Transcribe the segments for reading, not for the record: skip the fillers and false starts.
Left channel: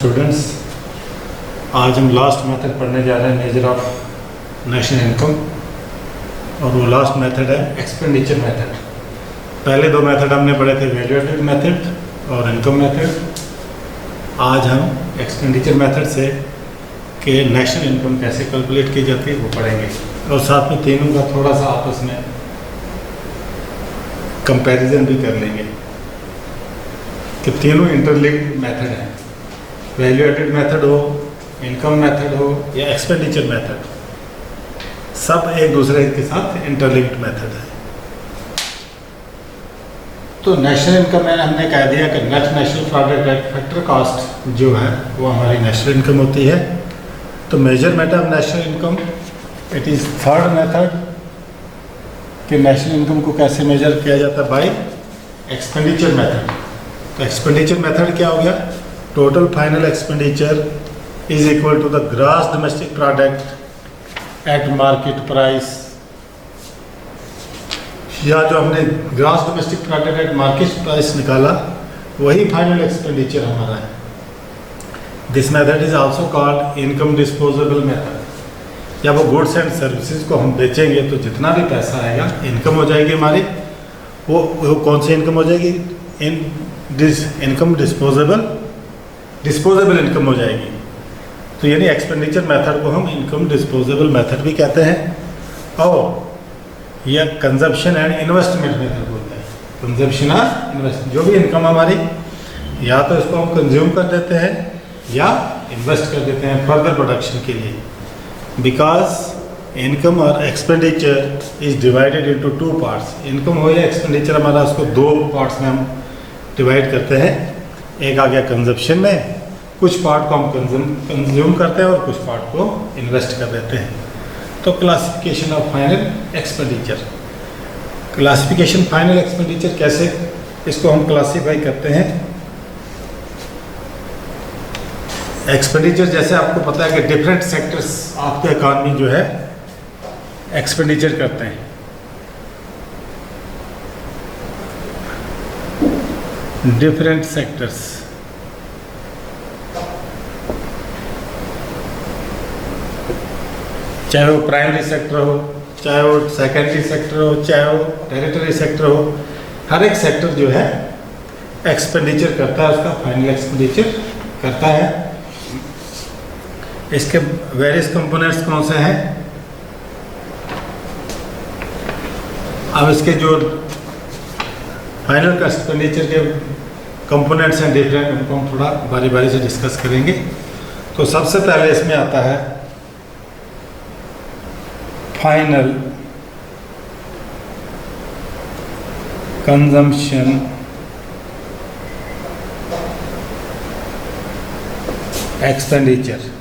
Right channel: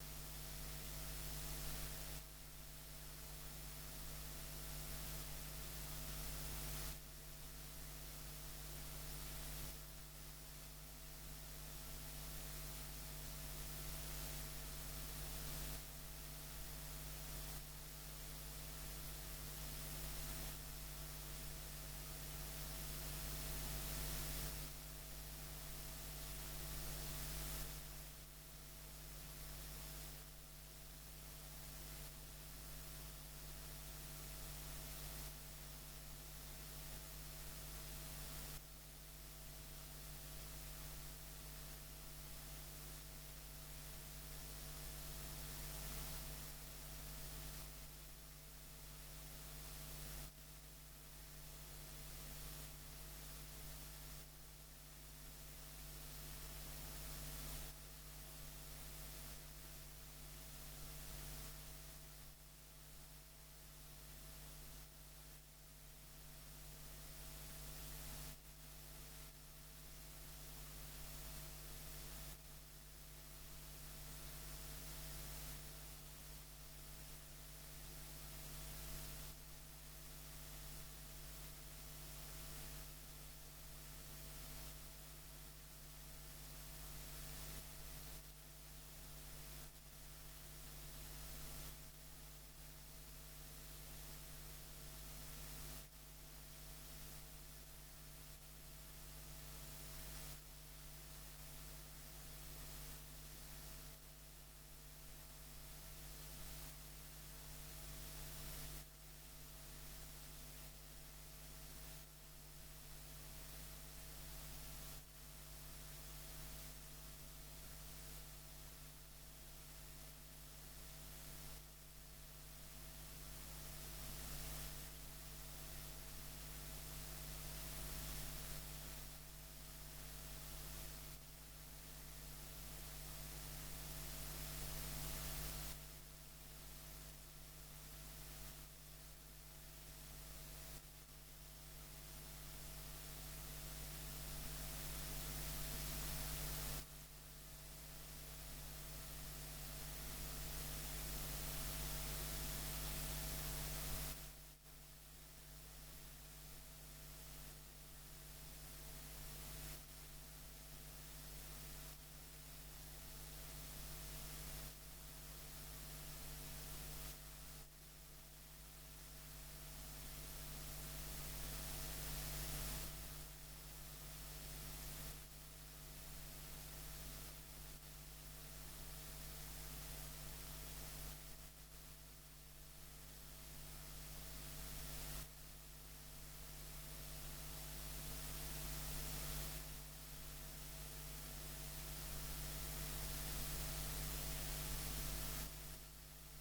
Students, आज हम last method पढ़ने जा रहे हैं, मेजर ऑफ नेशनल इनकम। और वो लास्ट मेथड है एक्सपेंडिचर मेथड। पहले दो मेथड हमने पढ़े थे, वैल्यू एडेड मेथड और इनकम मेथड। आज हम एक्सपेंडिचर मेथड से कि नेशनल इनकम कैसे कैलकुलेट की जाती है वो पढ़ेंगे, और साथ में तीनों का थोड़ा सा आपस में कंपैरिजन भी कर लेंगे कि तीनों इंटरलिंक्ड मेथड हैं। वैल्यू एडेड मेथड हो, इनकम मेथड हो या एक्सपेंडिचर मेथड, सब एक दूसरे के साथ इंटरलिंक्ड मेथड है। तो नेशनल इनकम में हमने कह दिया कि net national product factor cost जो है वो हमारी नेशनल इनकम होती है। तो measurement of national income, it is third method कि नेशनल इनकम को कैसे मेजर किया जाता है, बाय एक्सपेंडिचर मेथड। तो एक्सपेंडिचर मेथड क्या हो गया? Total final expenditure is equal to the gross domestic product at market price, या जो हमने gross domestic product at market price निकाला वही फाइनल एक्सपेंडिचर हमारा है। This method is also called income disposable method. या वो गुड्स एंड सर्विसेज को हम बेचेंगे तो जितना भी पैसा आएगा इनकम हो जाएगी हमारी। वो कौन सी इनकम हो जाएगी? इनकम डिस्पोजेबल इनकम हो जाएगी। तो यानी एक्सपेंडिचर मेथड को हम इनकम डिस्पोजेबल मेथड भी कहते हैं, और यह कंजप्शन एंड इन्वेस्टमेंट मेथड बोलते हैं। कंजप्शन और इन्वेस्ट, जो भी इनकम हमारी, या तो इसको हम कंज्यूम कर देते हैं या इन्वेस्ट कर देते हैं फर्दर प्रोडक्शन के लिए। बिकॉज इनकम और expenditure is divided into two parts. Income हो या एक्सपेंडिचर हमारा, उसको दो पार्ट्स में हम डिवाइड करते हैं। एक आ गया कंजप्शन में, कुछ पार्ट को हम कंज्यूम करते हैं और कुछ पार्ट को इन्वेस्ट कर देते हैं। तो classification of final expenditure. Classification final expenditure कैसे इसको हम क्लासीफाई करते हैं? एक्सपेंडिचर, जैसे आपको पता है कि different sectors of the economy जो है एक्सपेंडिचर करते हैं। डिफरेंट सेक्टर्स, चाहे वो प्राइमरी सेक्टर हो, चाहे वो सेकेंडरी सेक्टर हो, चाहे वो टेरिटरी सेक्टर हो, हर एक सेक्टर जो है एक्सपेंडिचर करता है, उसका फाइनल एक्सपेंडिचर करता है। इसके वेरियस कंपोनेंट्स कौन से हैं? अब इसके जो फाइनल एक्सपेंडिचर के कंपोनेंट्स हैं डिफरेंट, उनको हम थोड़ा बारी बारी से डिस्कस करेंगे। तो सबसे पहले इसमें आता है फाइनल कंजम्पशन एक्सपेंडिचर।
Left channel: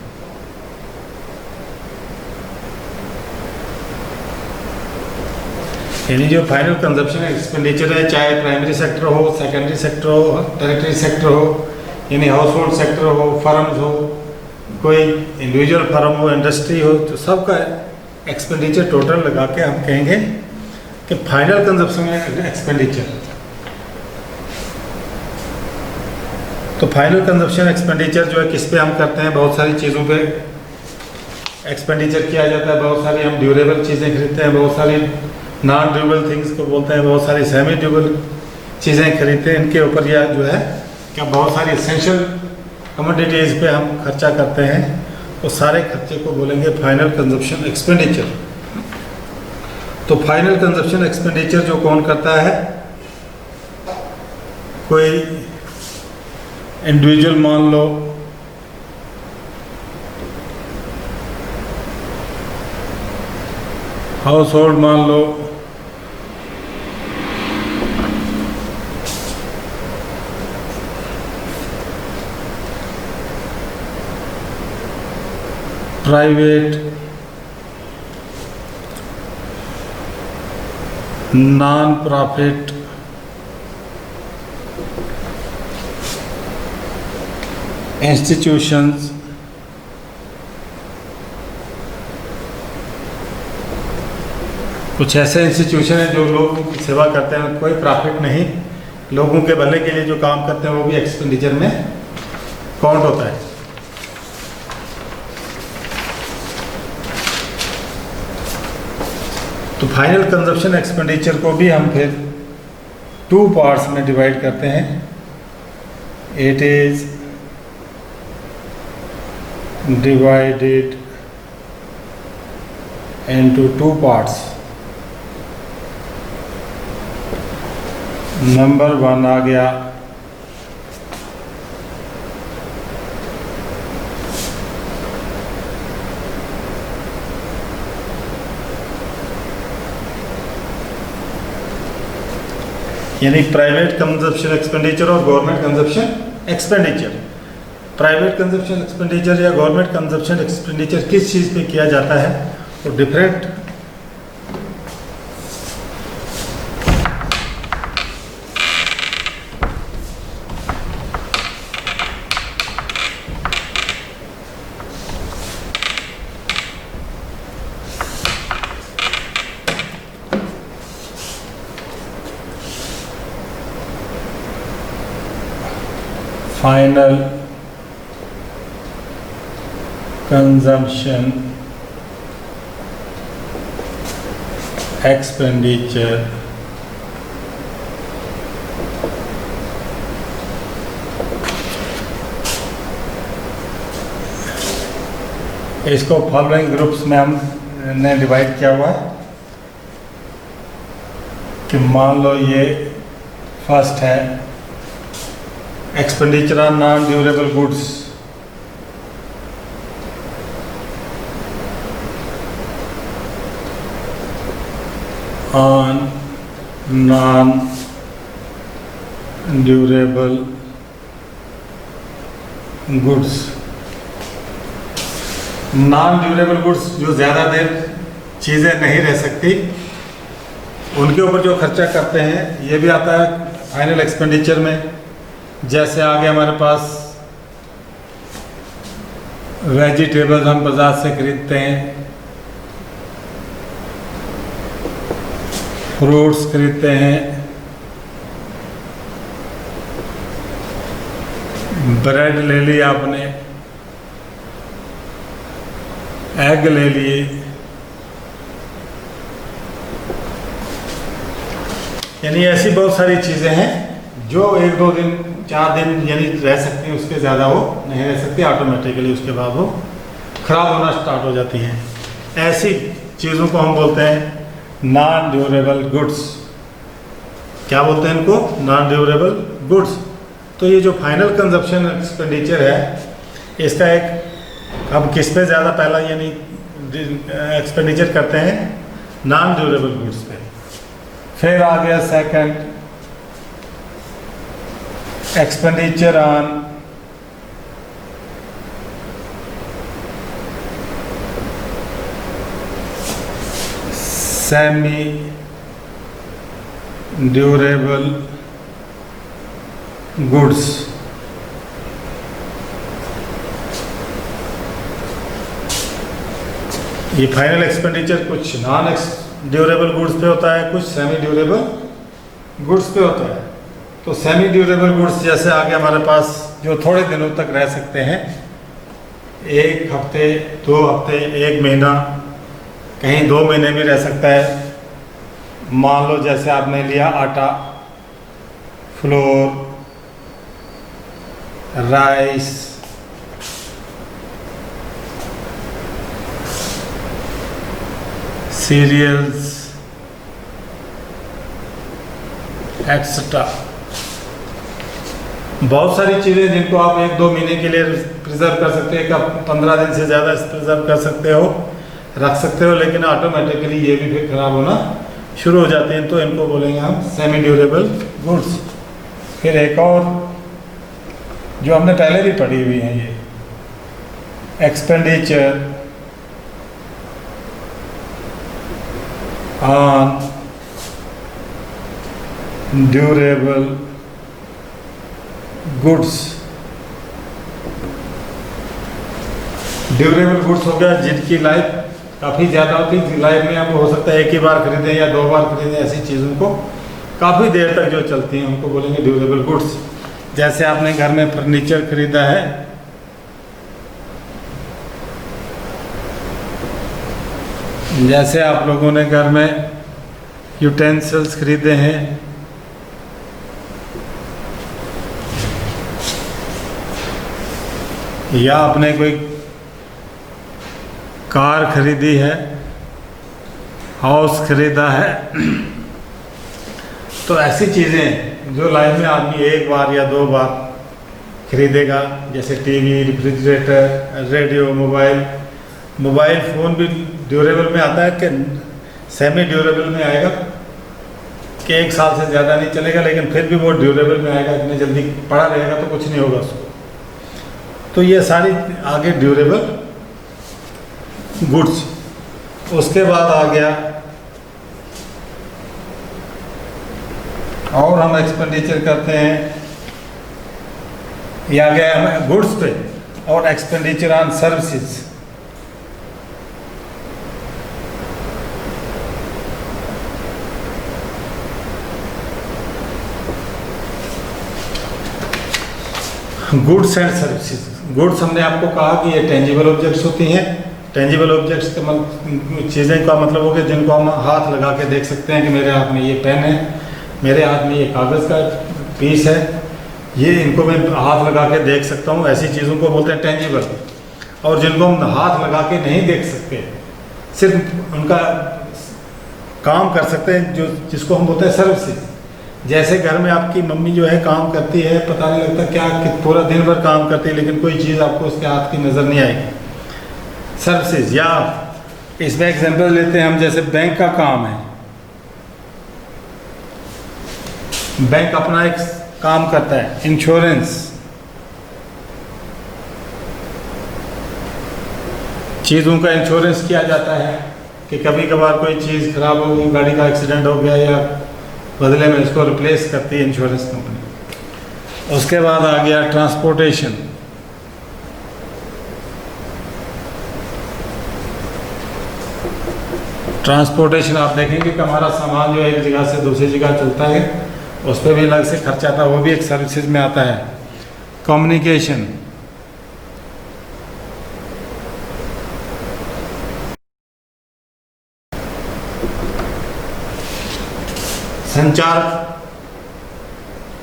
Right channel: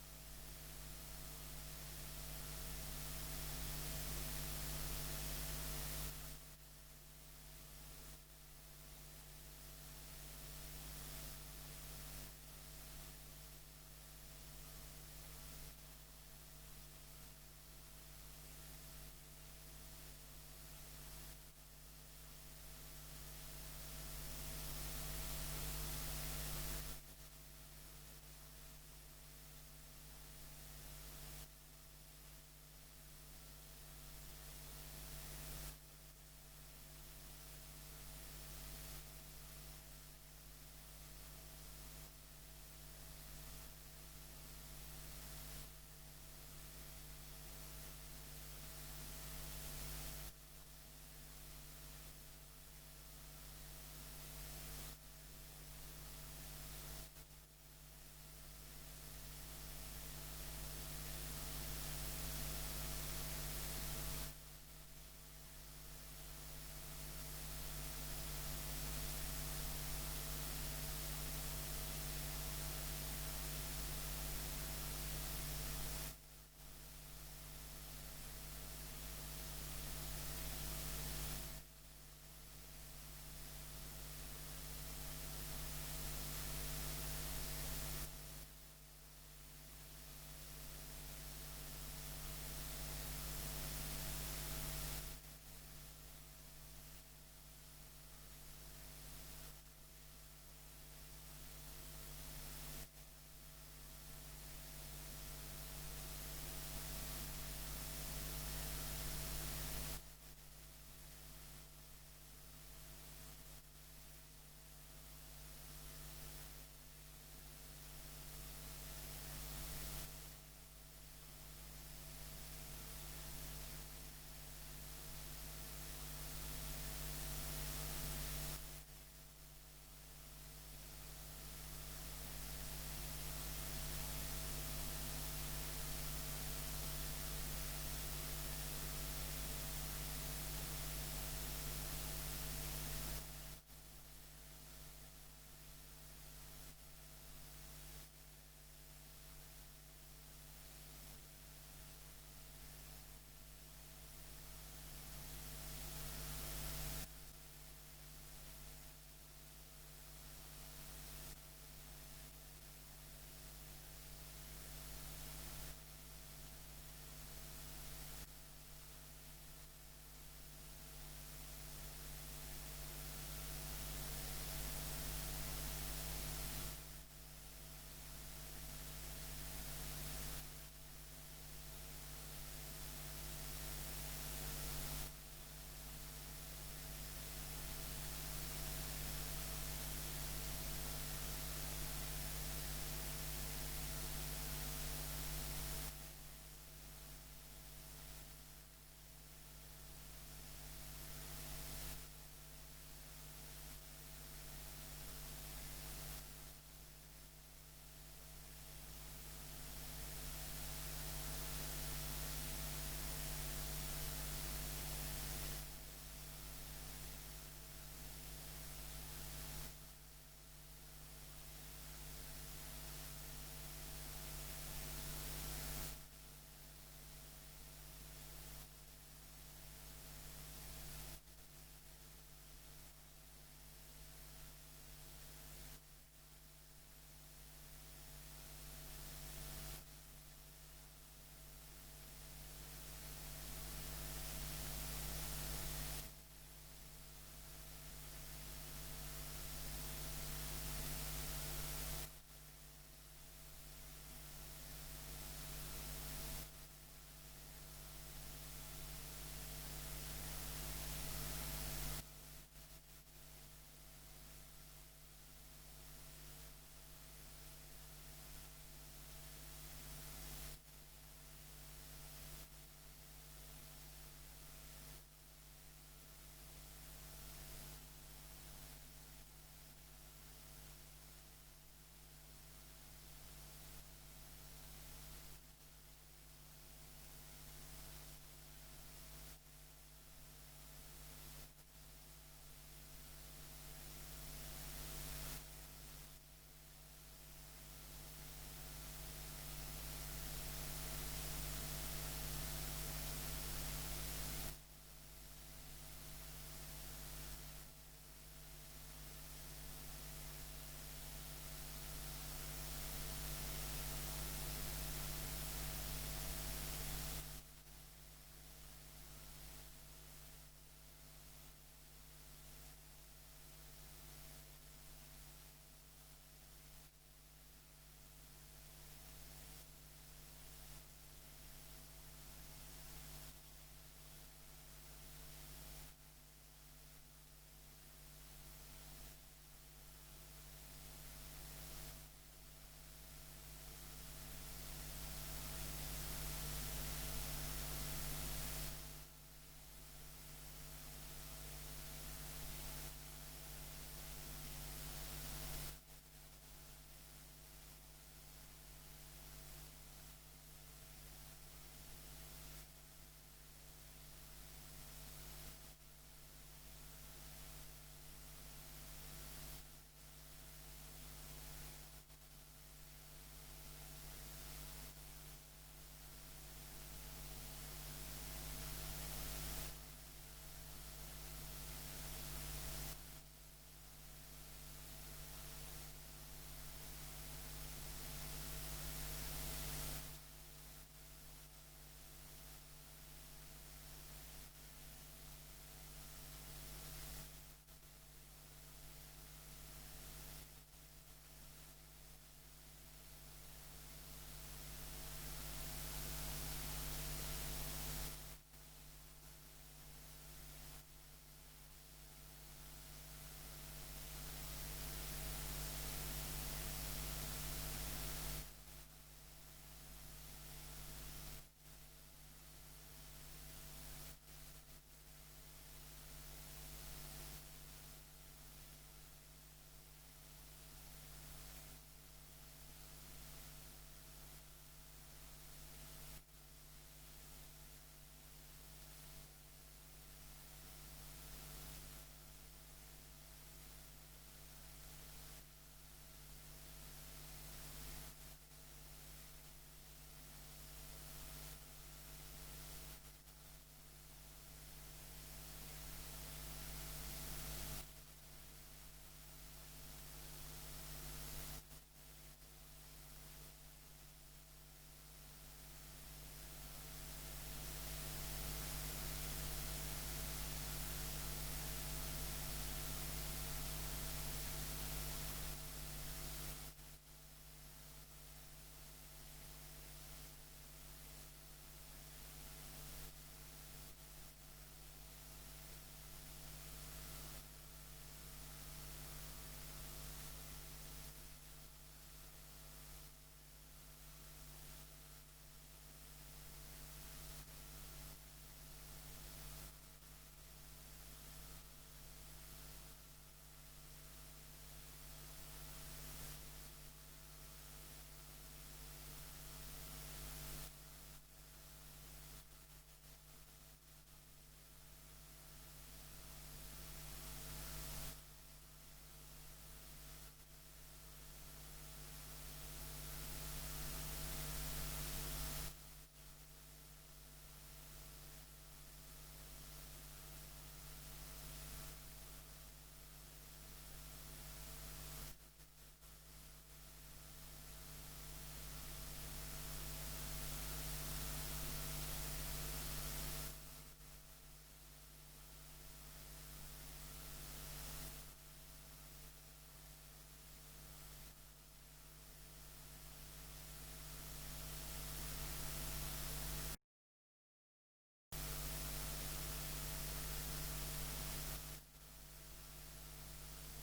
यानी जो फाइनल कंजप्शन एक्सपेंडिचर है, चाहे प्राइमरी सेक्टर हो, सेकेंडरी सेक्टर हो, टेरिटरी सेक्टर हो, यानी हाउस होल्ड सेक्टर हो, फर्म्स हो, कोई इंडिविजुअल फर्म हो, इंडस्ट्री हो, तो सबका एक्सपेंडिचर टोटल लगा के हम कहेंगे कि फाइनल कंजप्शन एक्सपेंडिचर। तो फाइनल कंजप्शन एक्सपेंडिचर जो है किस पे हम करते हैं? बहुत सारी चीज़ों पे एक्सपेंडिचर किया जाता है। बहुत सारी हम ड्यूरेबल चीज़ें खरीदते हैं, बहुत सारी नॉन ड्यूरेबल थिंग्स को बोलते हैं, बहुत सारी सेमी ड्यूरेबल चीज़ें खरीदते हैं। इनके ऊपर यह जो है क्या बहुत सारी एसेंशियल कमोडिटीज़ पे हम खर्चा करते हैं, तो सारे खर्चे को बोलेंगे फाइनल कंजप्शन एक्सपेंडिचर। तो फाइनल कंजप्शन एक्सपेंडिचर जो कौन करता है? कोई इंडिविजुअल मान लो, हाउस होल्ड मान लो, प्राइवेट, नॉन प्रॉफिट, इंस्टीट्यूशंस, कुछ ऐसे इंस्टीट्यूशन हैं जो लोगों की सेवा करते हैं, कोई प्रॉफिट नहीं, लोगों के भले के लिए जो काम करते हैं वो भी एक्सपेंडिचर में काउंट होता है। तो फाइनल कंजप्शन एक्सपेंडिचर को भी हम फिर 2 पार्ट्स में डिवाइड करते हैं. It is divided into 2 parts. Number 1 आ गया यानी प्राइवेट कंजप्शन एक्सपेंडिचर और government consumption expenditure. Private consumption expenditure या गवर्नमेंट कंजप्शन एक्सपेंडिचर किस चीज़ पे किया जाता है, तो डिफरेंट फाइनल कंजम्पशन एक्सपेंडिचर इसको फॉलोइंग ग्रुप्स में हमने डिवाइड किया हुआ है कि मान लो ये फर्स्ट है expenditure on non durable goods. On non durable goods. Non durable goods जो ज़्यादा देर चीज़ें नहीं रह सकती, उनके ऊपर जो खर्चा करते हैं ये भी आता है फाइनल एक्सपेंडिचर में. जैसे आगे हमारे पास वेजिटेबल्स हम बाजार से खरीदते हैं, फ्रूट्स खरीदते हैं, ब्रेड ले लिया आपने, एग ले लिए, यानी ऐसी बहुत सारी चीज़ें हैं जो 1-2 दिन 4 दिन यानी रह सकती हैं, उसके ज़्यादा वो नहीं रह सकती. ऑटोमेटिकली उसके बाद वो ख़राब होना स्टार्ट हो जाती हैं. ऐसी चीज़ों को हम बोलते हैं नॉन ड्यूरेबल गुड्स. क्या बोलते हैं इनको? Non durable goods. तो ये जो फाइनल कंजप्शन एक्सपेंडिचर है, इसका एक हम किस पे ज़्यादा पहला यानी एक्सपेंडिचर करते हैं? नॉन ड्यूरेबल गुड्स पे. फिर आ गया second expenditure on semi durable goods. ये फाइनल एक्सपेंडिचर कुछ नॉन ड्यूरेबल गुड्स पे होता है, कुछ सेमी ड्यूरेबल गुड्स पे होता है. तो सेमी ड्यूरेबल गुड्स जैसे आगे हमारे पास जो थोड़े दिनों तक रह सकते हैं, 1 हफ्ते 2 हफ्ते 1 महीना, कहीं 2 महीने भी रह सकता है. मान लो जैसे आपने लिया आटा, फ्लोर, राइस, सीरियल्स एक्सेट्रा. बहुत सारी चीज़ें जिनको आप 1-2 महीने के लिए प्रिजर्व कर सकते हैं, कब 15 दिन से ज़्यादा प्रिजर्व कर सकते हो, रख सकते हो, लेकिन ऑटोमेटिकली ये भी फिर ख़राब होना शुरू हो जाते हैं. तो इनको बोलेंगे हम सेमी ड्यूरेबल गुड्स. फिर एक और जो हमने पहले भी पढ़ी हुई है, ये expenditure on durable goods. Durable goods हो गया जिनकी लाइफ काफ़ी ज़्यादा होती है. लाइफ में आप हो सकता है 1 ही बार खरीदें या 2 बार खरीदें. ऐसी चीज़ों को काफ़ी देर तक जो चलती हैं उनको बोलेंगे ड्यूरेबल गुड्स. जैसे आपने घर में फर्नीचर खरीदा है, जैसे आप लोगों ने घर में यूटेंसिल्स खरीदे हैं, या आपने कोई कार खरीदी है, हाउस खरीदा है, तो ऐसी चीज़ें जो लाइफ में आदमी एक बार या दो बार खरीदेगा, जैसे TV, refrigerator, radio, mobile phone भी ड्यूरेबल में आता है कि सेमी ड्यूरेबल में आएगा कि 1 साल से ज़्यादा नहीं चलेगा, लेकिन फिर भी वो ड्यूरेबल में आएगा। इतनी जल्दी पड़ा रहेगा तो कुछ नहीं होगा उसको। तो ये सारी आगे ड्यूरेबल गुड्स। उसके बाद आ गया और हम एक्सपेंडिचर करते हैं, ये आ गया गुड्स पे, और expenditure on services. Goods and services. Goods हमने आपको कहा कि ये टेंजिबल ऑब्जेक्ट्स होती हैं। टेंजिबल ऑब्जेक्ट्स के चीज़ें का मतलब हो गया जिनको हम हाथ लगा के देख सकते हैं कि मेरे हाथ में ये पेन है, मेरे हाथ में ये कागज़ का पीस है, ये इनको मैं हाथ लगा के देख सकता हूँ। ऐसी चीज़ों को बोलते हैं टेंजिबल। और जिनको हम हाथ लगा के नहीं देख सकते, सिर्फ उनका काम कर सकते हैं, जो जिसको हम बोलते हैं सर्विसेज। जैसे घर में आपकी मम्मी जो है काम करती है, पता नहीं लगता क्या कि पूरा दिन भर काम करती है, लेकिन कोई चीज़ आपको उसके हाथ की नज़र नहीं आएगी, सर्विसेज। या इसमें एग्जांपल लेते हैं हम, जैसे बैंक का काम है, बैंक अपना एक काम करता है, इंश्योरेंस, चीज़ों का इंश्योरेंस किया जाता है कि कभी कभार कोई चीज़ खराब हो गई, गाड़ी का एक्सीडेंट हो गया, या बदले में इसको रिप्लेस करती है इंश्योरेंस कंपनी। उसके बाद आ गया ट्रांसपोर्टेशन। ट्रांसपोर्टेशन आप देखेंगे कि हमारा सामान जो एक जगह से दूसरी जगह चलता है, उस पर भी अलग से खर्चा आता है, वो भी एक सर्विसेज में आता है। कम्युनिकेशन, संचार,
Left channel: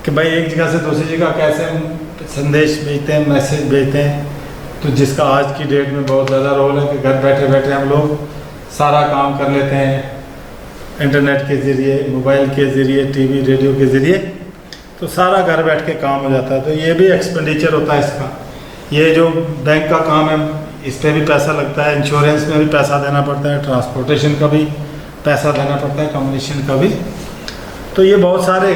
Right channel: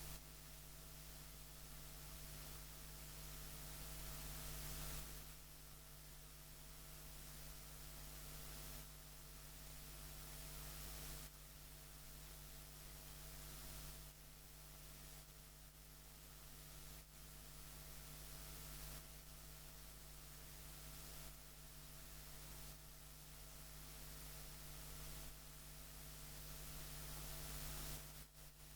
कि भाई एक जगह से दूसरी जगह कैसे हम संदेश भेजते हैं, मैसेज भेजते हैं, तो जिसका आज की डेट में बहुत ज़्यादा रोल है कि घर बैठे बैठे हम लोग सारा काम कर लेते हैं इंटरनेट के ज़रिए, मोबाइल के ज़रिए, टीवी, रेडियो के ज़रिए, तो सारा घर बैठ के काम हो जाता है। तो ये भी एक्सपेंडिचर होता है इसका। ये जो बैंक का काम है, इस पर भी पैसा लगता है, इंश्योरेंस में भी पैसा देना पड़ता है, ट्रांसपोर्टेशन का भी पैसा देना पड़ता है, कम्युनिकेशन का भी। तो ये बहुत सारे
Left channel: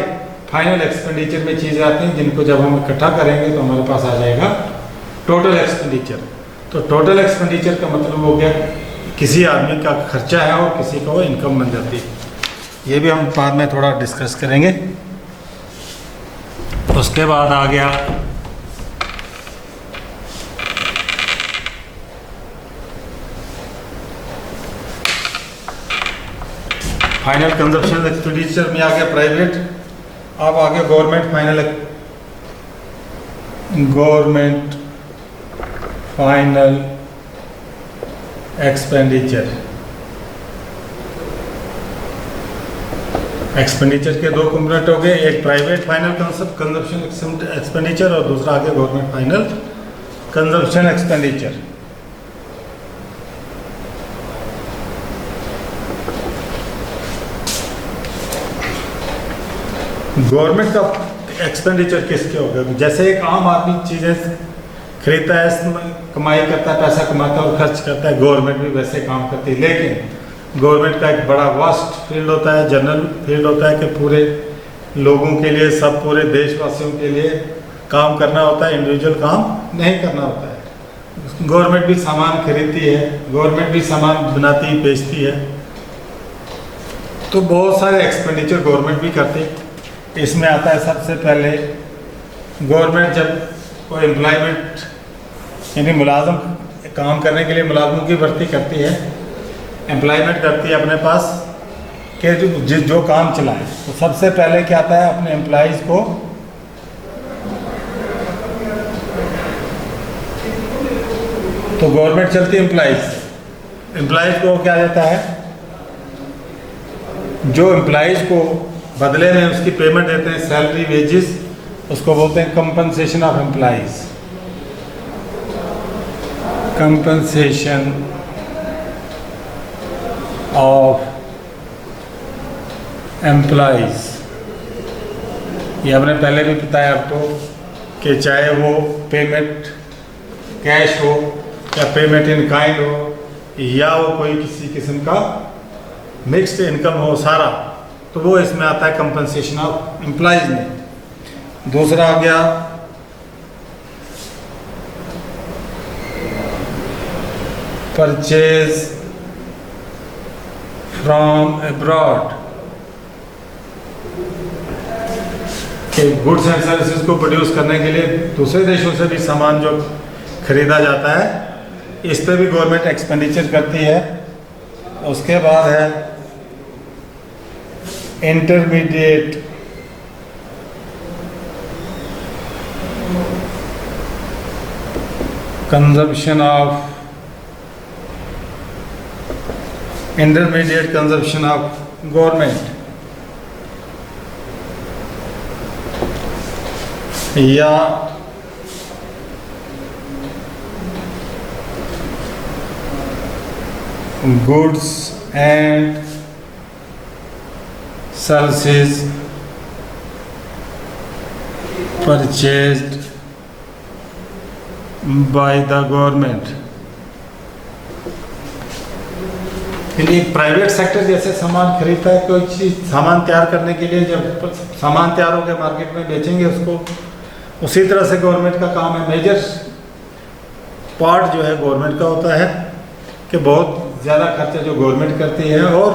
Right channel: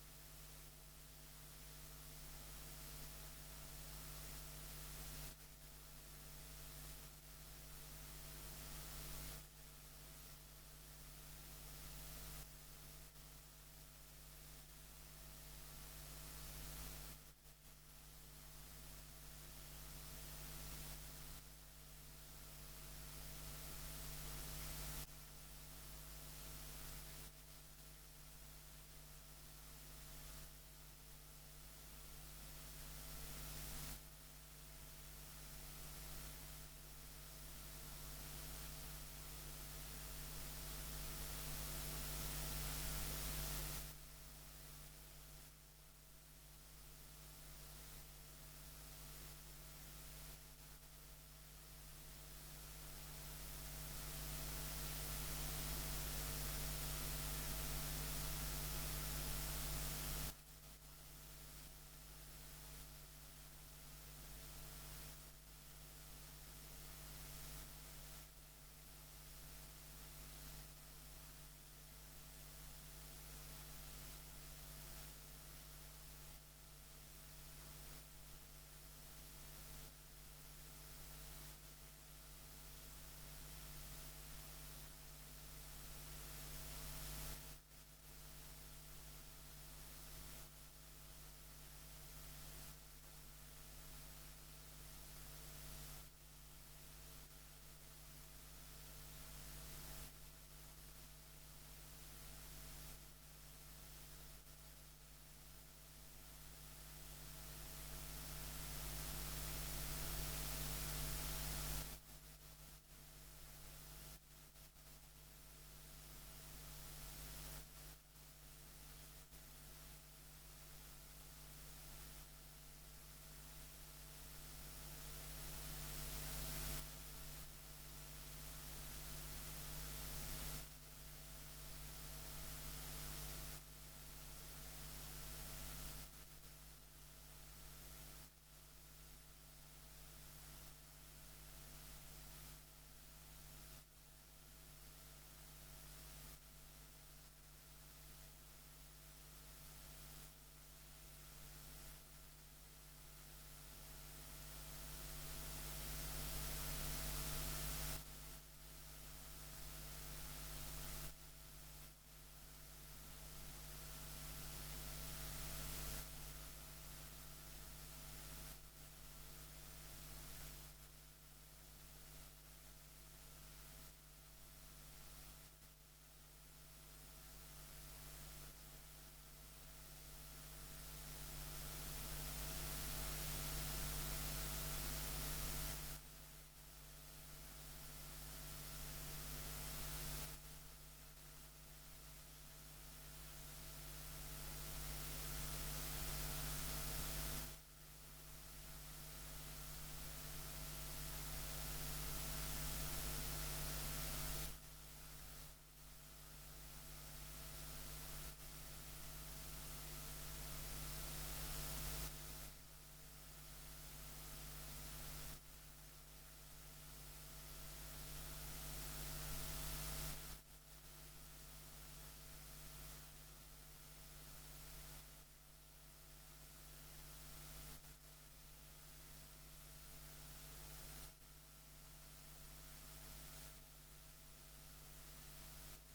फाइनल एक्सपेंडिचर में चीज़ें आती हैं, जिनको जब हम इकट्ठा करेंगे तो हमारे पास आ जाएगा टोटल एक्सपेंडिचर। तो टोटल एक्सपेंडिचर का मतलब हो गया किसी आदमी का खर्चा है और किसी को इनकम बन जाती है। ये भी हम बाद में थोड़ा डिस्कस करेंगे। उसके बाद आ गया फाइनल कंजप्शन एक्सपेंडिचर में आ गया प्राइवेट। अब आ गया गवर्नमेंट फाइनल एक्सपेंडिचर। एक्सपेंडिचर के 2 कंपोनेंट हो गए, एक प्राइवेट फाइनल कंजप्शन एक्सपेंडिचर और दूसरा आ गया government final consumption expenditure. Government का एक्सपेंडिचर किसके होगा? जैसे एक आम आदमी चीज़ें खरीदता है, कमाई करता है, पैसा कमाता है और खर्च करता है, गवर्नमेंट भी वैसे काम करती है। लेकिन गवर्नमेंट का एक बड़ा वास्ट फील्ड होता है, जनरल फील्ड होता है कि पूरे लोगों के लिए, सब पूरे देशवासियों के लिए काम करना होता है, इंडिविजुअल काम नहीं करना होता है। गवर्नमेंट भी सामान खरीदती है, गवर्नमेंट भी सामान बनाती बेचती है, तो बहुत सारे एक्सपेंडिचर गवर्नमेंट भी करती है। इसमें आता है सबसे पहले गवर्नमेंट जब कोई एम्प्लॉयमेंट यानी मुलाजम काम करने के लिए मुलाजमों की भर्ती करती है, एम्प्लॉयमेंट करती है अपने पास के जो काम चलाए, तो सबसे पहले क्या आता है अपने एम्प्लॉयज़ को तो गवर्नमेंट चलती है एम्प्लॉयज़, एम्प्लॉयज़ को क्या देता है, जो एम्प्लॉयज़ को बदले में उसकी पेमेंट देते हैं सैलरी वेजेस, उसको बोलते हैं compensation of employees. Compensation of employees, ये हमने पहले भी बताया आपको कि चाहे वो पेमेंट कैश हो या पेमेंट इन काइंड हो या वो कोई किसी किस्म का मिक्स्ड इनकम हो सारा, तो वो इसमें आता है कंपनसेशन ऑफ एम्प्लॉयज़ में। दूसरा आ गया परचेज फ्रॉम अब्रॉड, कि गुड्स एंड सर्विसेज को प्रोड्यूस करने के लिए दूसरे देशों से भी सामान जो खरीदा जाता है, इस पे भी गवर्नमेंट एक्सपेंडिचर करती है। उसके बाद है इंटरमीडिएट कंजम्पशन ऑफ गवर्नमेंट, या goods and services purchased by the government. एक प्राइवेट सेक्टर जैसे सामान खरीदता है, कोई चीज़ सामान तैयार करने के लिए, जब सामान तैयार होकर मार्केट में बेचेंगे उसको, उसी तरह से गवर्नमेंट का काम है। मेजर पार्ट जो है गवर्नमेंट का होता है कि बहुत ज़्यादा खर्चा जो गवर्नमेंट करती है, और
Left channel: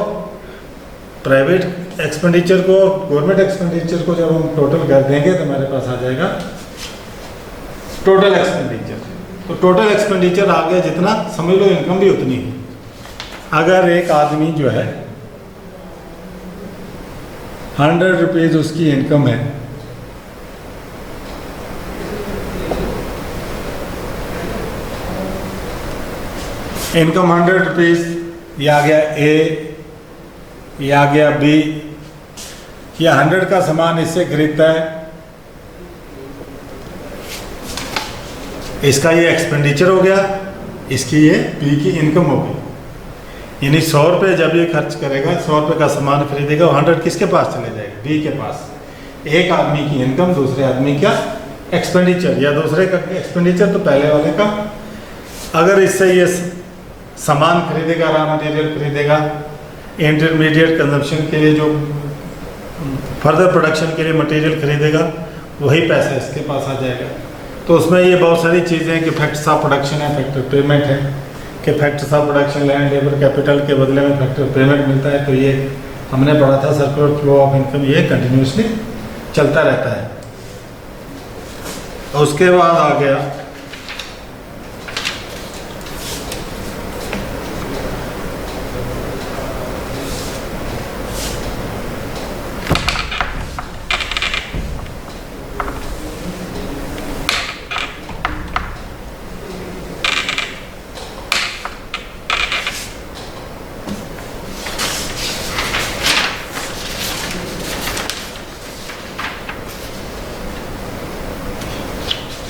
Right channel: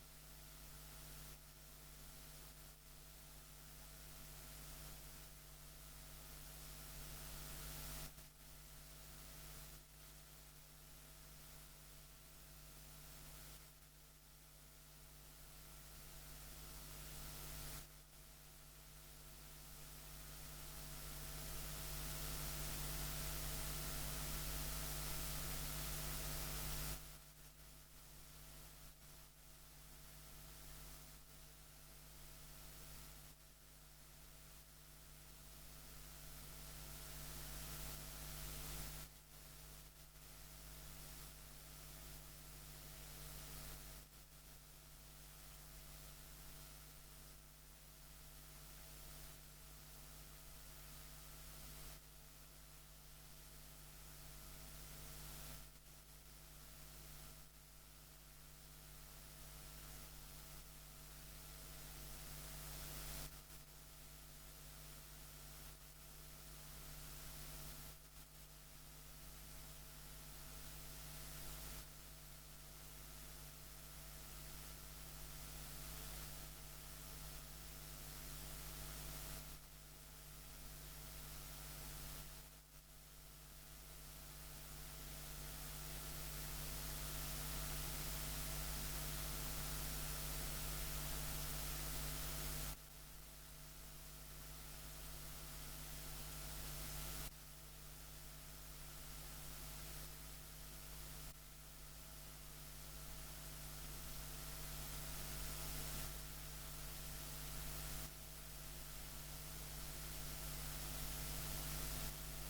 प्राइवेट एक्सपेंडिचर को गवर्नमेंट एक्सपेंडिचर को जब हम टोटल कर देंगे तो हमारे पास आ जाएगा टोटल एक्सपेंडिचर। तो टोटल एक्सपेंडिचर आ गया जितना, समझ लो इनकम भी उतनी है। अगर एक आदमी जो है 100 रुपीज़ उसकी इनकम है, इनकम 100 रुपीज़, ये आ गया ए, ये आ गया बी, ये 100 का सामान इससे खरीदता है, इसका ये एक्सपेंडिचर हो गया, इसकी ये बी की इनकम हो गई। यानी 100 रुपये जब ये खर्च करेगा, 100 रुपये का सामान खरीदेगा, 100 किसके पास चले जाएगा, बी के पास। एक आदमी की इनकम दूसरे आदमी का एक्सपेंडिचर, या दूसरे का एक्सपेंडिचर तो पहले वाले का। अगर इससे ये सामान खरीदेगा, रॉ मटेरियल खरीदेगा, इंटरमीडिएट कंजम्पशन के लिए जो फर्दर प्रोडक्शन के लिए मटेरियल खरीदेगा, वही पैसा इसके पास आ जाएगा। तो उसमें ये बहुत सारी चीज़ें हैं कि फैक्टर्स ऑफ प्रोडक्शन है, फैक्टर पेमेंट है, कि factors of production land labour capital के बदले में फैक्टर पेमेंट मिलता है। तो ये हमने पढ़ा था, सर्कुलर फ्लो ऑफ इनकम, ये कंटिन्यूसली चलता रहता है। उसके बाद आ गया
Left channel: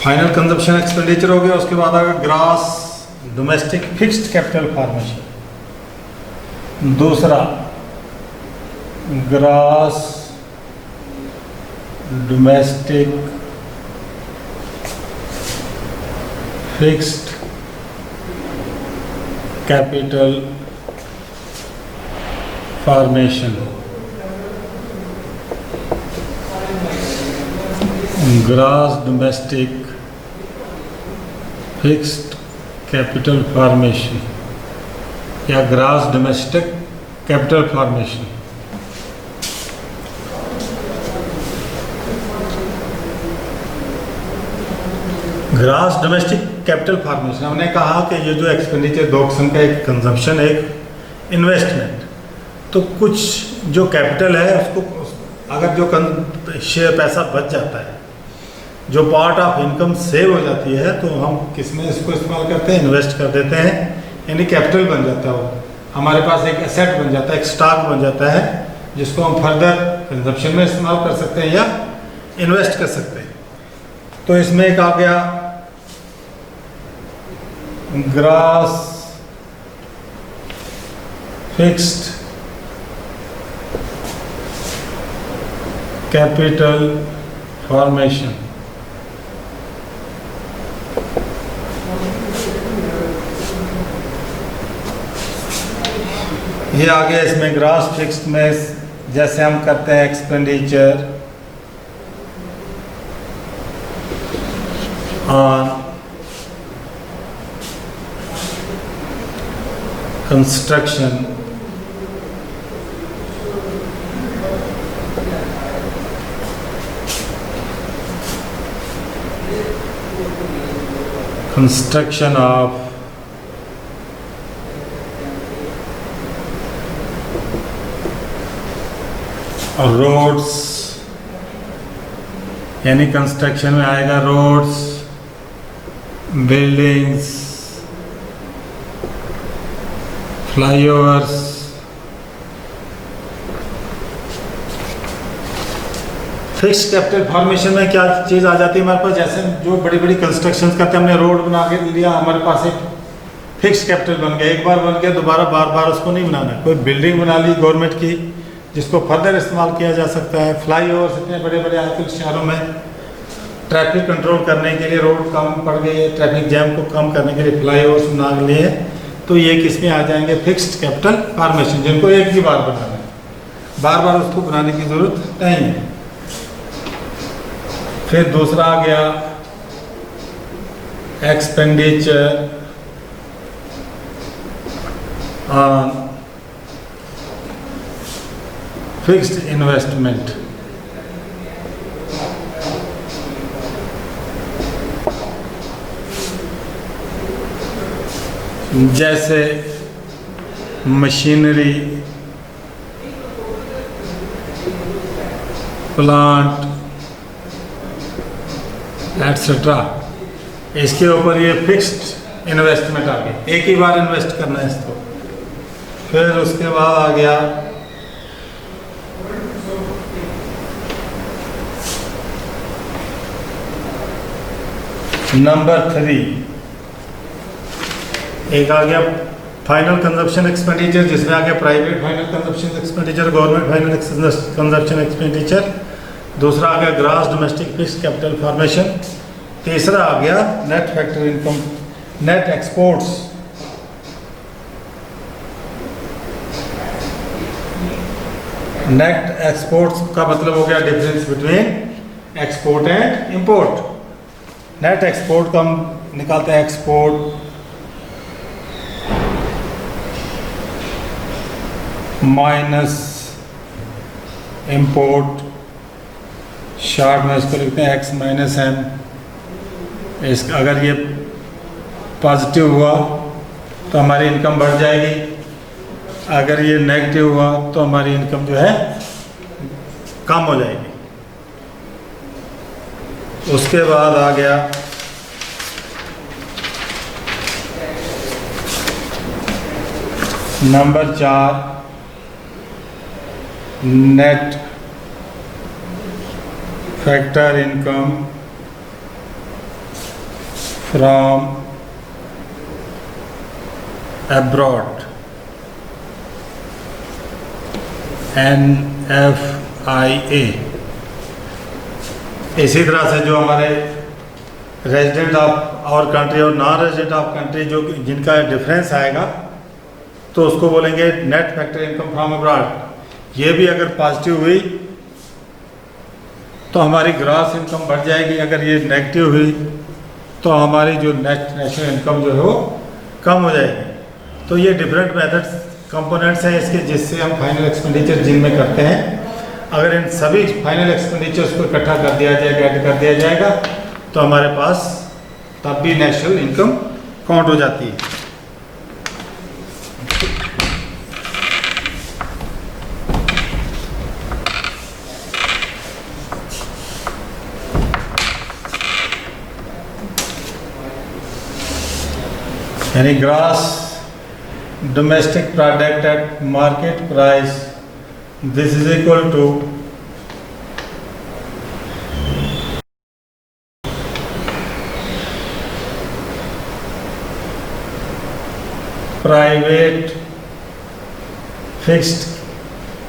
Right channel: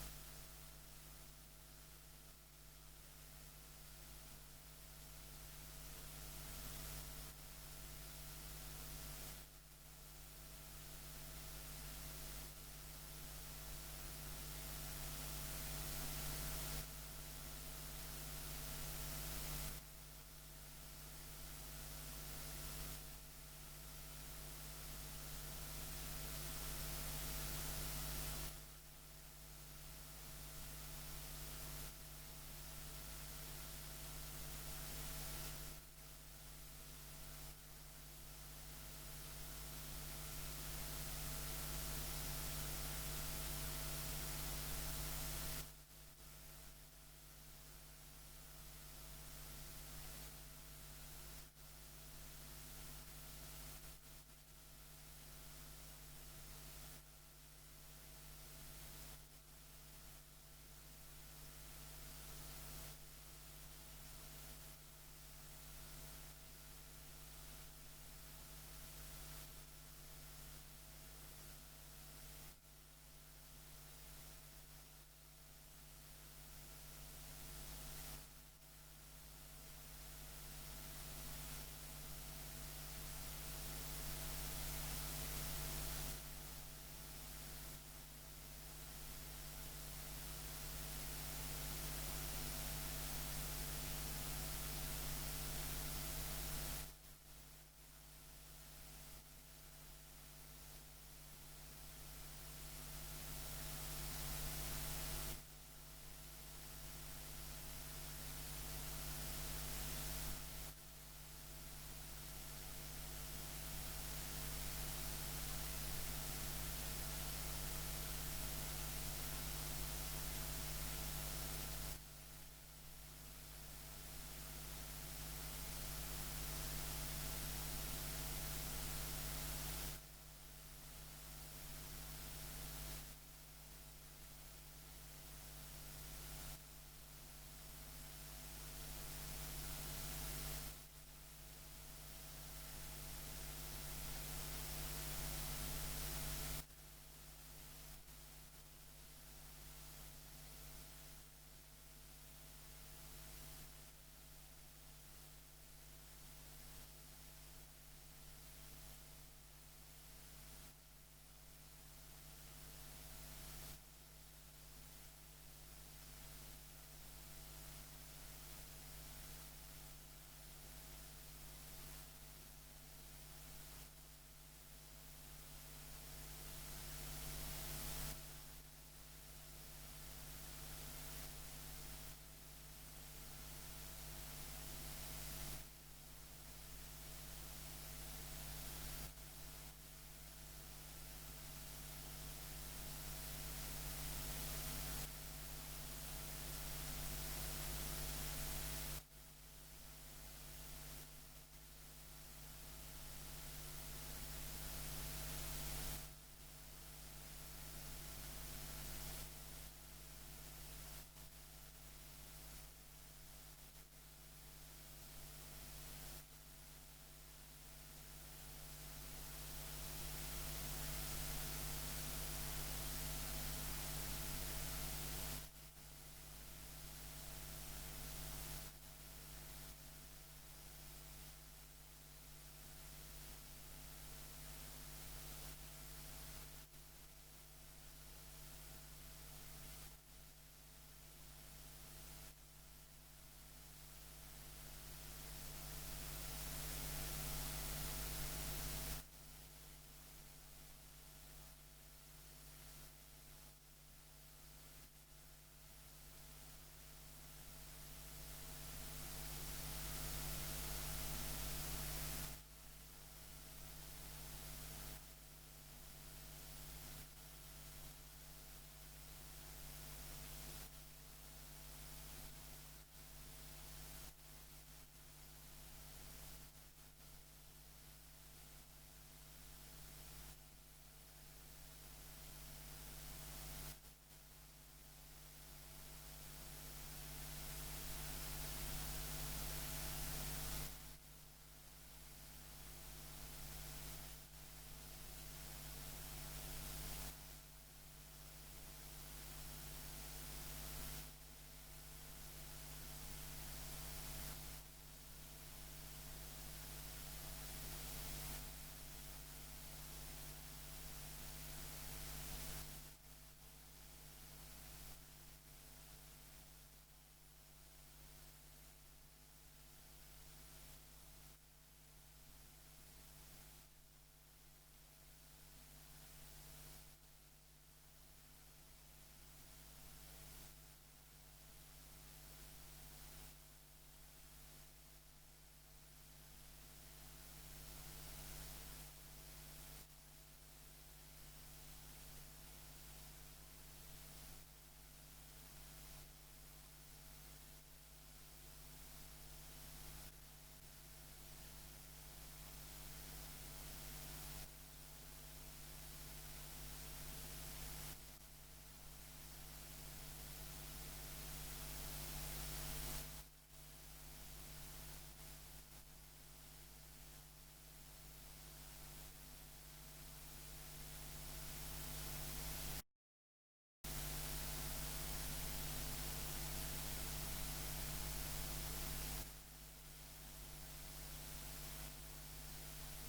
फाइनल कंजप्शन एक्सपेंडिचर हो गया। उसके बाद आएगा gross domestic fixed capital formation. दूसरा gross domestic fixed capital formation. Gross domestic fixed capital formation या gross domestic capital formation. Gross domestic capital formation, हमने कहा कि ये जो एक्सपेंडिचर दो किस्म का, एक कंजम्पशन, एक इन्वेस्टमेंट। तो कुछ जो कैपिटल है उसको अगर जो शेयर पैसा बच जाता है, जो पार्ट ऑफ इनकम सेव हो जाती है, तो हम किस में इसको इस्तेमाल करते हैं, इन्वेस्ट कर देते हैं यानी कैपिटल बन जाता है, वो हमारे पास एक एसेट बन जाता है, एक स्टॉक बन जाता है जिसको हम फर्दर कंजप्शन में इस्तेमाल कर सकते हैं या इन्वेस्ट कर सकते हैं। तो इसमें एक आ गया ग्रॉस फिक्स्ड कैपिटल फॉर्मेशन। ये आ गया इसमें ग्रॉस फिक्स्ड में जैसे हम करते हैं expenditure on construction of roads, यानी कंस्ट्रक्शन में आएगा roads, buildings, flyovers, fixed capital formation में क्या चीज़ आ जाती है हमारे पास, जैसे जो बड़ी बड़ी कंस्ट्रक्शन करते हैं, हमने रोड बना के लिया, हमारे पास एक फिक्स्ड कैपिटल बन गया, एक बार बन गया, दोबारा बार बार उसको नहीं बनाना। कोई बिल्डिंग बना ली गवर्नमेंट की जिसको फर्दर इस्तेमाल किया जा सकता है, फ्लाईओवर्स इतने बड़े बड़े आजकल शहरों में ट्रैफिक कंट्रोल करने के लिए, रोड कम पड़ गई है, ट्रैफिक जैम को कम करने के लिए फ्लाईओवर्स बना लिए, तो ये किस में आ जाएंगे, फिक्स्ड कैपिटल फॉर्मेशन, जिनको एक ही बार बनाना है, बार बार उसको बनाने की ज़रूरत नहीं है। फिर दूसरा आ गया एक्सपेंडिचर ऑन फिक्स्ड इन्वेस्टमेंट। जैसे मशीनरी, प्लांट एटसेट्रा, इसके ऊपर ये फिक्स्ड इन्वेस्टमेंट आ गई, एक ही बार इन्वेस्ट करना है इसको। फिर उसके बाद आ गया नंबर 3, एक आ गया फाइनल कंजप्शन एक्सपेंडिचर, जिसमें आ गया private final consumption expenditure, government final consumption expenditure. दूसरा आ गया gross domestic fixed capital formation. तीसरा आ गया net factor income, net exports. Net exports का मतलब हो गया difference between export and import. Net export का हम निकालते हैं एक्सपोर्ट माइनस इंपोर्ट, शॉर्ट में इसको लिखते हैं एक्स माइनस एम। इस अगर ये पॉजिटिव हुआ तो हमारी इनकम बढ़ जाएगी, अगर ये नेगेटिव हुआ तो हमारी इनकम जो है कम हो जाएगी। उसके बाद आ गया number 4, net factor income from abroad, NFIA। इसी तरह से जो हमारे रेजिडेंट ऑफ आवर कंट्री और नॉन रेजिडेंट ऑफ कंट्री जो जिनका डिफरेंस आएगा तो उसको बोलेंगे net factor income from abroad. ये भी अगर पॉजिटिव हुई तो हमारी ग्रॉस इनकम बढ़ जाएगी, अगर ये नेगेटिव हुई तो हमारी जो नेट नेशनल इनकम जो है वो कम हो जाएगी। तो ये डिफरेंट मेथड्स कंपोनेंट्स हैं इसके, जिससे हम फाइनल एक्सपेंडिचर जिनमें करते हैं, अगर इन सभी फाइनल एक्सपेंडिचर्स को इकट्ठा कर दिया जाएगा, ऐड कर दिया जाएगा, तो हमारे पास तब भी नेशनल इनकम काउंट हो जाती है। यानी gross domestic product at market price, this is equal to private fixed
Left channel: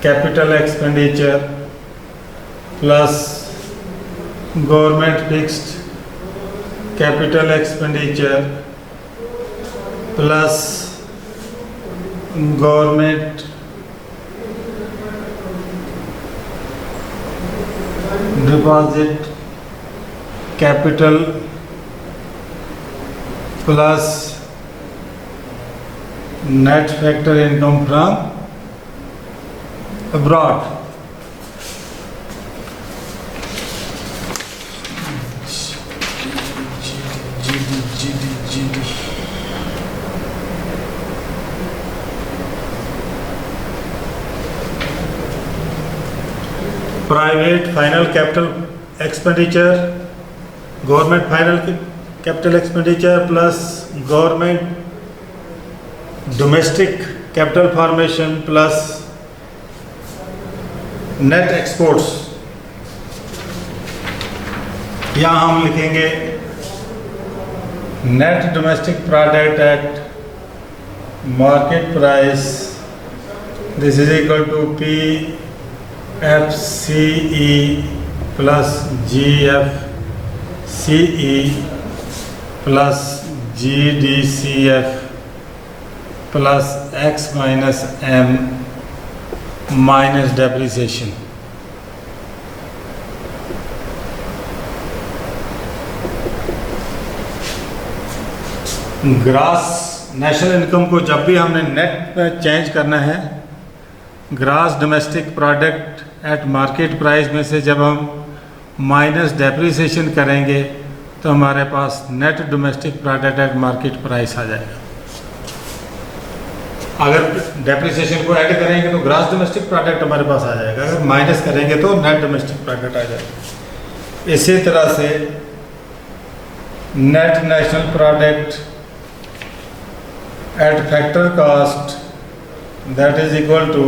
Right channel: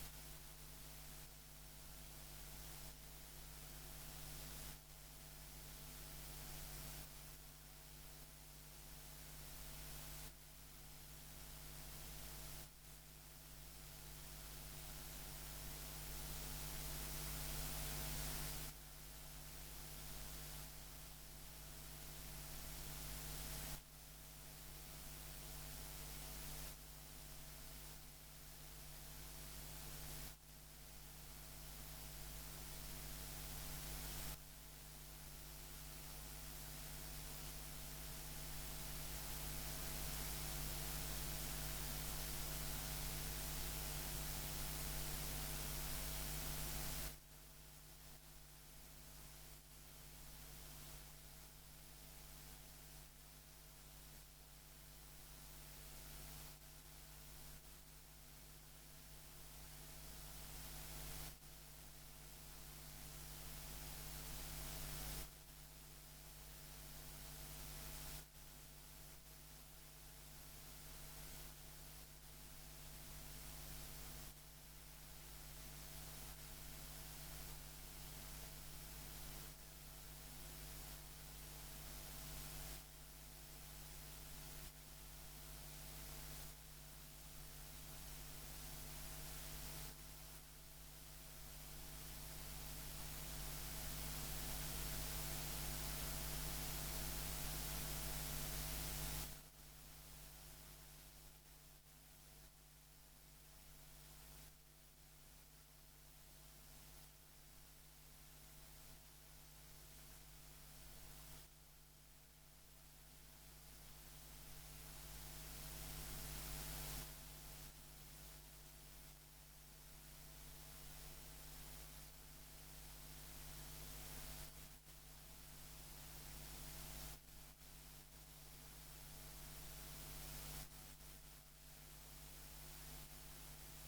capital expenditure plus government fixed capital expenditure plus government deposit capital plus net factor income from abroad. Private final capital expenditure, government final capital expenditure plus government domestic capital formation plus net exports. यहाँ हम लिखेंगे net domestic product at market price, this is equal to PFCE plus GFCE plus GDCF plus X minus M minus depreciation. Gross national income को जब भी हमने net में change करना है, gross domestic product at market price में से जब हम माइनस डेप्रिसिएशन करेंगे तो हमारे पास net domestic product at market price आ जाएगा। अगर डेप्रिसिएशन को ऐड करेंगे तो ग्रास डोमेस्टिक प्रोडक्ट हमारे पास आ जाएगा, अगर माइनस करेंगे तो नेट डोमेस्टिक प्रोडक्ट आ जाएगा। इसी तरह से net national product at factor cost, that is equal to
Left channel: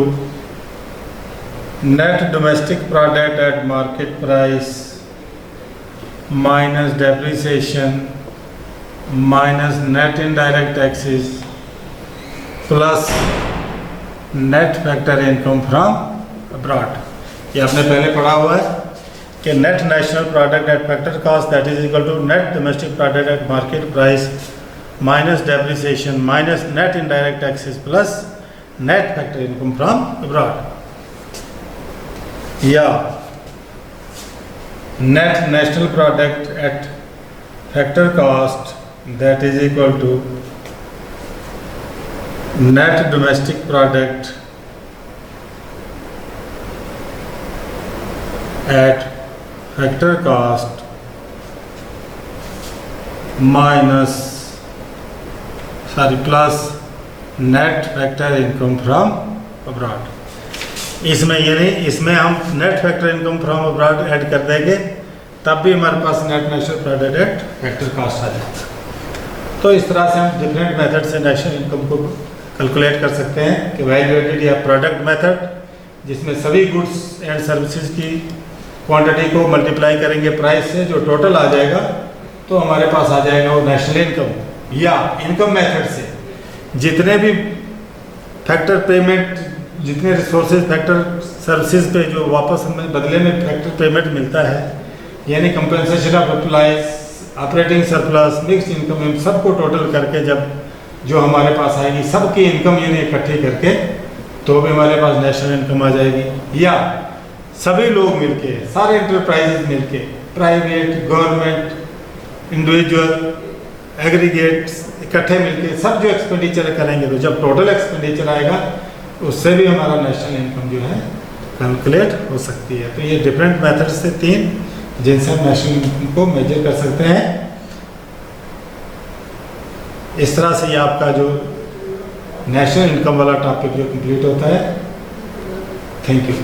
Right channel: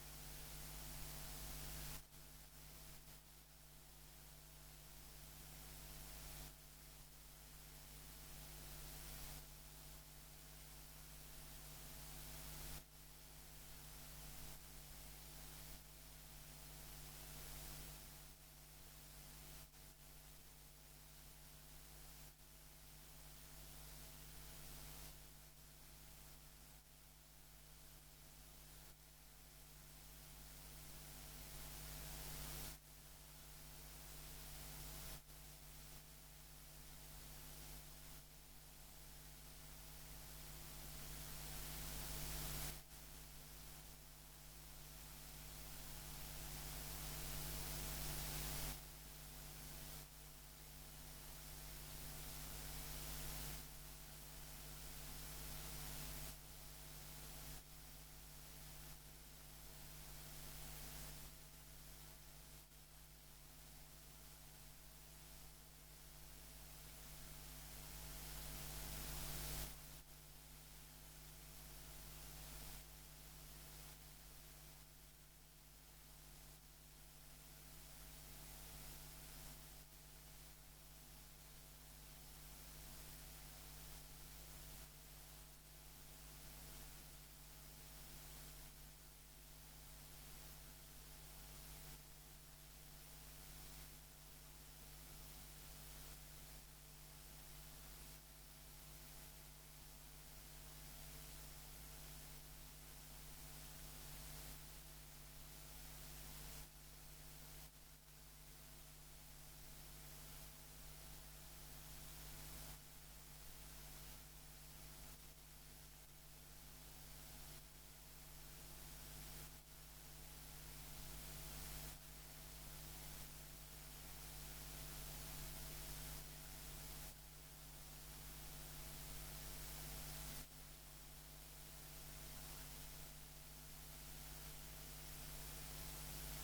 net domestic product at market price minus depreciation minus net indirect taxes plus net factor income from abroad. ये आपने पहले पढ़ा हुआ है कि net national product at factor cost, that is equal to net domestic product at market price minus depreciation minus net indirect taxes plus net factor income from abroad. Yeah, net national product at factor cost, that is equal to net domestic product at factor cost plus net factor income from abroad. इसमें ये नहीं, इसमें हम net factor income from abroad add कर देंगे तब भी हमारे पास net national product at factor cost आ जाएगा। तो इस तरह से हम डिफरेंट मेथड से नेशनल इनकम को कैलकुलेट कर सकते हैं कि वैल्यू एडेड या प्रोडक्ट मेथड, जिसमें सभी गुड्स एंड सर्विसेज की क्वांटिटी को मल्टीप्लाई करेंगे प्राइस से, जो टोटल आ जाएगा तो हमारे पास आ जाएगा वो नेशनल इनकम। या इनकम मेथड से जितने भी फैक्टर पेमेंट, जितने रिसोर्सेज फैक्टर सर्विसेज पे जो वापस हमें बदले में फैक्टर पेमेंट मिलता है, यानी compensation of employees, operating surplus, mixed income, इन सबको टोटल करके जब जो हमारे पास आएगी, सबकी इनकम यानी इकट्ठी करके तो भी हमारे पास नेशनल इनकम आ जाएगी। या सभी लोग मिलके, सारे इंटरप्राइजेज मिलके, प्राइवेट, गवर्नमेंट, इंडिविजुअल, एग्रीगेट्स, इकट्ठे मिलके सब जो एक्सपेंडिचर करेंगे तो जब टोटल एक्सपेंडिचर आएगा उससे भी हमारा नेशनल इनकम जो है कैलकुलेट हो सकती है। तो ये डिफरेंट मेथड से 3 जिनसे हम नेशनल इनकम को मेजर कर सकते हैं। इस तरह से ये आपका जो नेशनल इनकम वाला टॉपिक जो कंप्लीट होता है। Thank you.